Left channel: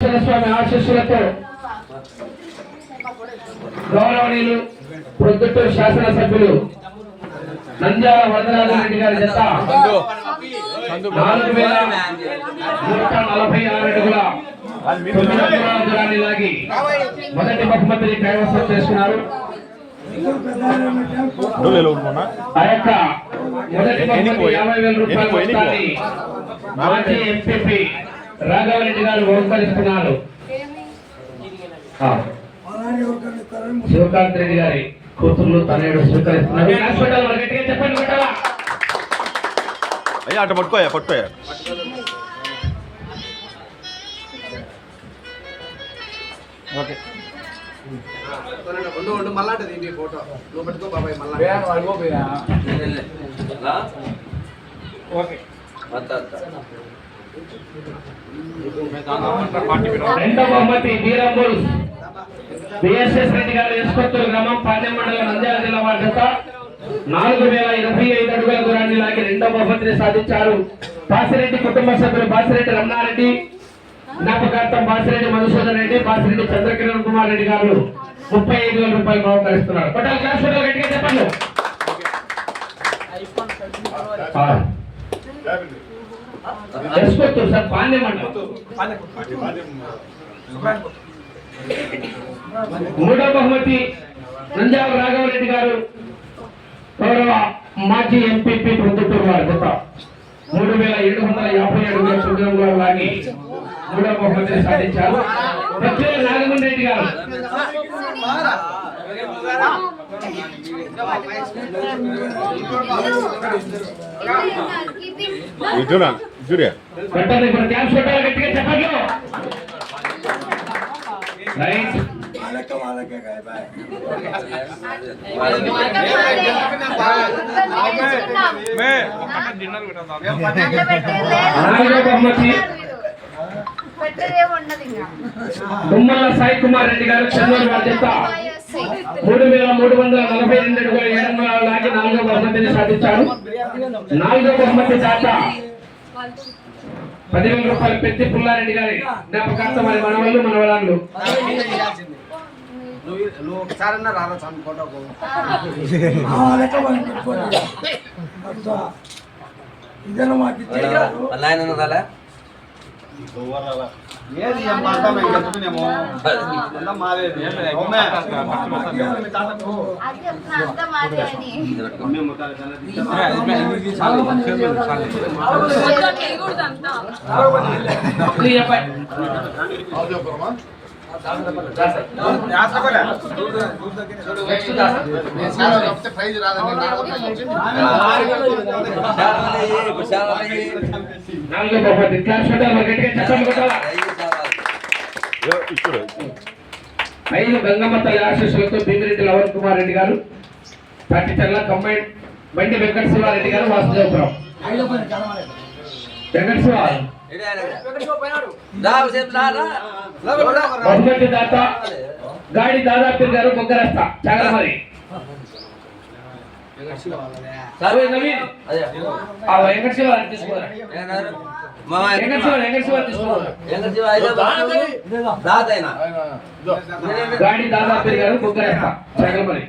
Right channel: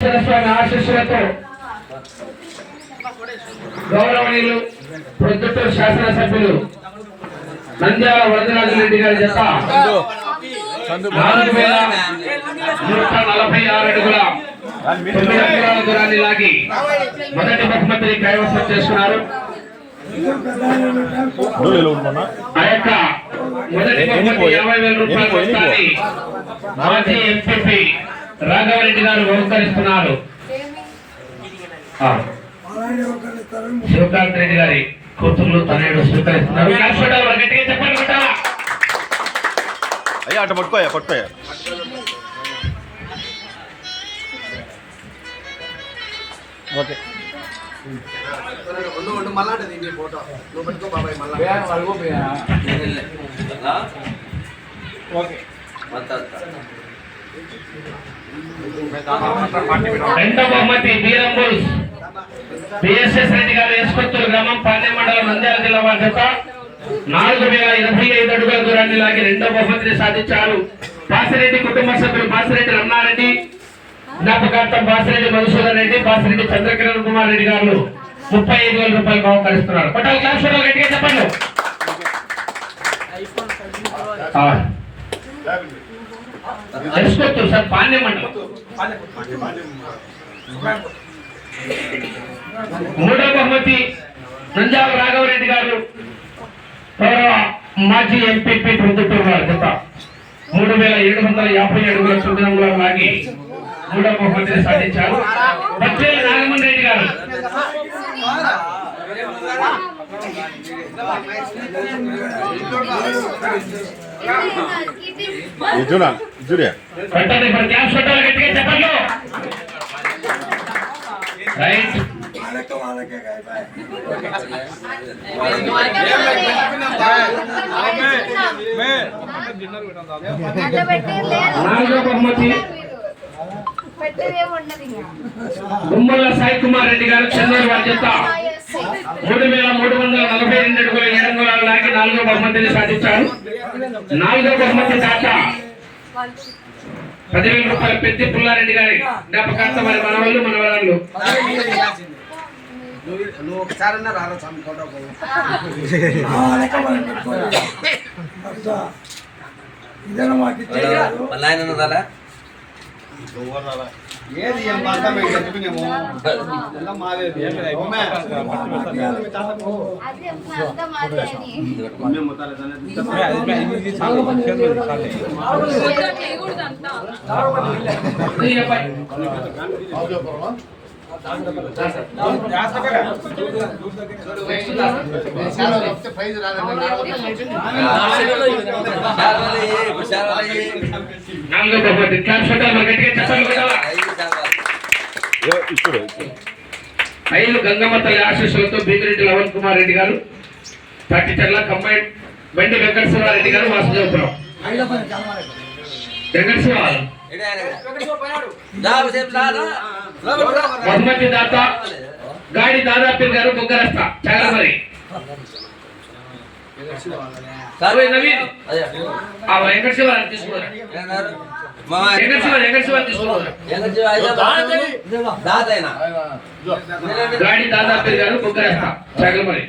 స్వామి ఆశీస్సులతో గౌరవనీయులు ప్రొద్దుటూరు శాసనసభ్యులు నంద్యాల వరదరాజు రెడ్డి గారి జత నాలుగు వేల నూట నలభై ఆరు అడుగుల తొమ్మిది అంగుళాల దూరాన్ని లాగి మొదటి బహుమతిని కైవసం చేసుకున్నారు. ఆ యొక్క మొదటి బహుమతి యాభై వేల రూపాయలు మొత్తాన్ని ఎంపీ రాఘవరెడ్డి గారు బహుకరిస్తున్నారు. ఆ, శివకాంత్ రెడ్డి గారి కూతుర్లు తనయుడు స్వీకరిస్తున్నారు? అయ్యా అట్ట పట్టుకోయా పట్టుకోయా? ఓకే. ఉండు రెండవ బహుమతి బీరంబుల్ బిఎస్ఎస్ రెడ్డి గారు ఎస్కొత్తూరు గ్రామం పాదే మండలం నంద్యాల జిల్లా వారి జత నాలుగు వేల ఇరవై ఐదు అడుగుల దూరాన్ని లాగి రెండో బహుమతిని సాధించారు. బాసిరెడ్డి కుటుంబ సభ్యులు బాసిరెడ్డి రమణారెడ్డి జ్ఞాపకార్థం బాసిరెడ్డి మధుసూదన్ రెడ్డి బాసిరెడ్డి చంద్రకిరణ్ కుమార్ రెడ్డి గారు ముప్పై ఐదు వేల రూపాయలు బహుకరిస్తున్నారు. పట్టాల క్లాస్ గట్టిగా చెప్పండి. ఎస్కొత్తూరు సార్ పాండ్య మండలం మూడో బహుమతి నంజాల రాఘవరెడ్డి గారు గౌరవ మాజీ ఎంపీపీ ప్రొద్దుటూరు గారి జత మూడు వేల ఏడు వందల యాభై అడుగుల సుదూరంలో లాగి మూడో బహుమతిని సాధించారు. బచ్చేల నాగమోహన్ రెడ్డి గారు. చూడా చూడే గుమ్మల సాయి కుమార్ రెడ్డి గారు చెన్నూరు వారి మూడు వేల మూడు వందల నలభై రెండు అడుగుల ఏడు వందల లాగి నాలుగో బహుమతిని సాధించారు. నాలుగో బహుమతి దాకా పదివేల రూపాయల పెద్ది పుల్లారెడ్డి గారి జ్ఞాపకార్థం వారి మనవళ్ళు మనవరాళ్ళు. నువ్వు నువ్వు ఒకసారి రారా స్వామి ఫోటోకు ఏది ఏం మాట మేము చెప్పుకునేమో అంతా మాదేది అవునా? అది ఇప్పుడు ఐదు గంగమ్మ తల్లి ఆశీస్సులతో భీమిరెడ్డి లవణ్ కుమార్ రెడ్డి గారు పట్టిచెర్ల కంబైన్ బండి వెంకట శివారెడ్డి గారు వాసుదేవపురం. బహుమతి దాత గాడి దాదాపీర్ గారు బొగ్గరస్త చాగలమరి. నవీన్. ఆ గాడి దాదాపీర్ గారు బొగ్గరస్త చాగలమరి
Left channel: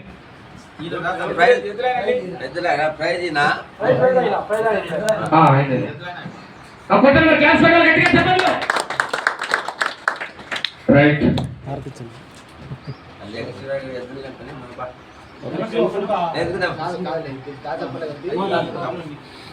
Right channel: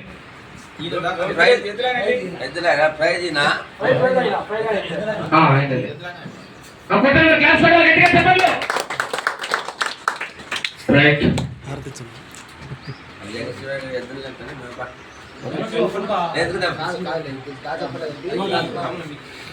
ఆ,